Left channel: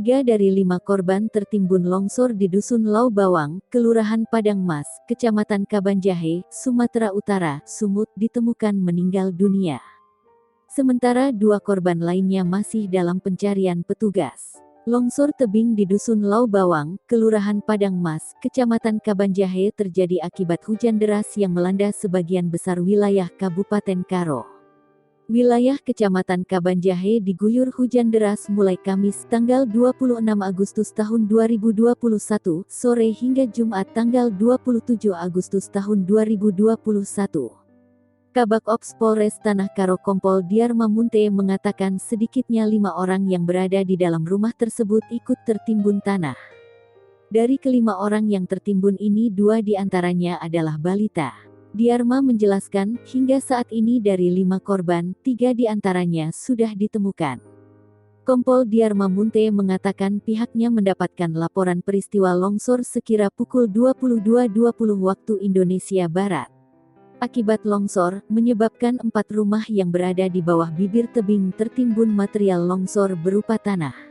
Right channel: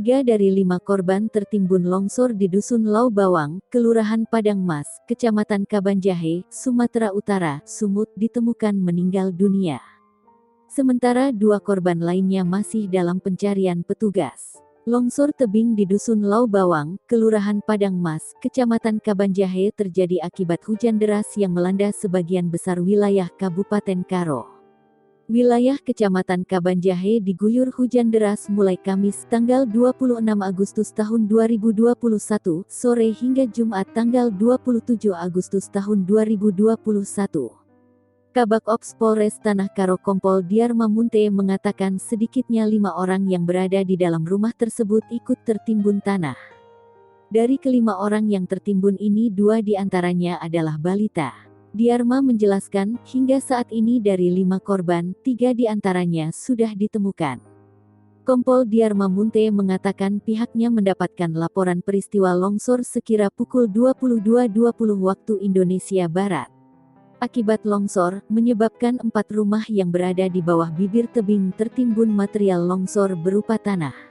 3 dari 5 korban tertimbun longsor di Dusun Lau Bawang, Kelurahan Padang Mas, Kecamatan Kabanjahe, Sumatera Utara, Sumut ditemukan meninggal dunia. Sementara 2 korban lainnya masih dalam pencarian petugas. Longsor tebing di Dusun Lau Bawang, Kelurahan Padang Mas, Kecamatan Kabanjahe terjadi akibat hujan deras yang melanda sebagian besar wilayah Kabupaten Karo. Wilayah Kecamatan Kabanjahe diguyur hujan deras mulai Kamis tanggal 26 Agustus tahun 2021 sore hingga Jumat tanggal 27 Agustus tahun 2021. Kabak Ops Polres Tanah Karo Kompol Diarma Munte mengatakan sedikitnya 5 orang yang berada di dalam rumah tersebut ikut tertimbun tanah. Dari kelima orang yang tertimbun ini 2 diantaranya adalah balita. Diarma menjelaskan, hingga saat ini dari 5 korban, 3 diantaranya sudah ditemukan. Kompol Diarma Munte mengatakan pihaknya mendapatkan laporan peristiwa longsor sekira pukul 22.20 waktu Indonesia Barat. Akibat longsor, menyebabkan 4 rumah yang berada di bawah bibir tebing tertimbun material longsor berupa tanah.